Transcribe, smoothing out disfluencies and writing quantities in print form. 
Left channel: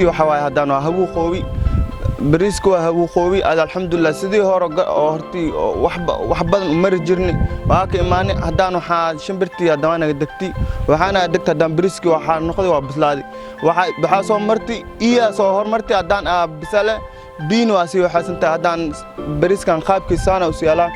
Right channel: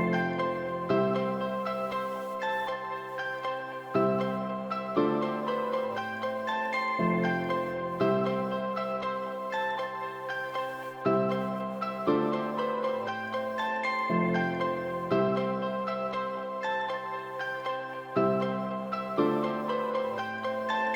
bariiskii waxa waaye haddaan waa hagu qoobi bariiska waa hagu qoobi alxamdulillah sidii hore hortii wax badan mari jirnay waa ka imaanay haddaan waxaa shimbirtii haddana naga degtay waxaana degtay haddaan bariiskii waxaa noqday waa bislaaday waxaa soo martay iyo soo hormartay haddaan bisale biin waa sii waxaasantahay haddaan bariiskan qaabkiisaana u siyaalaa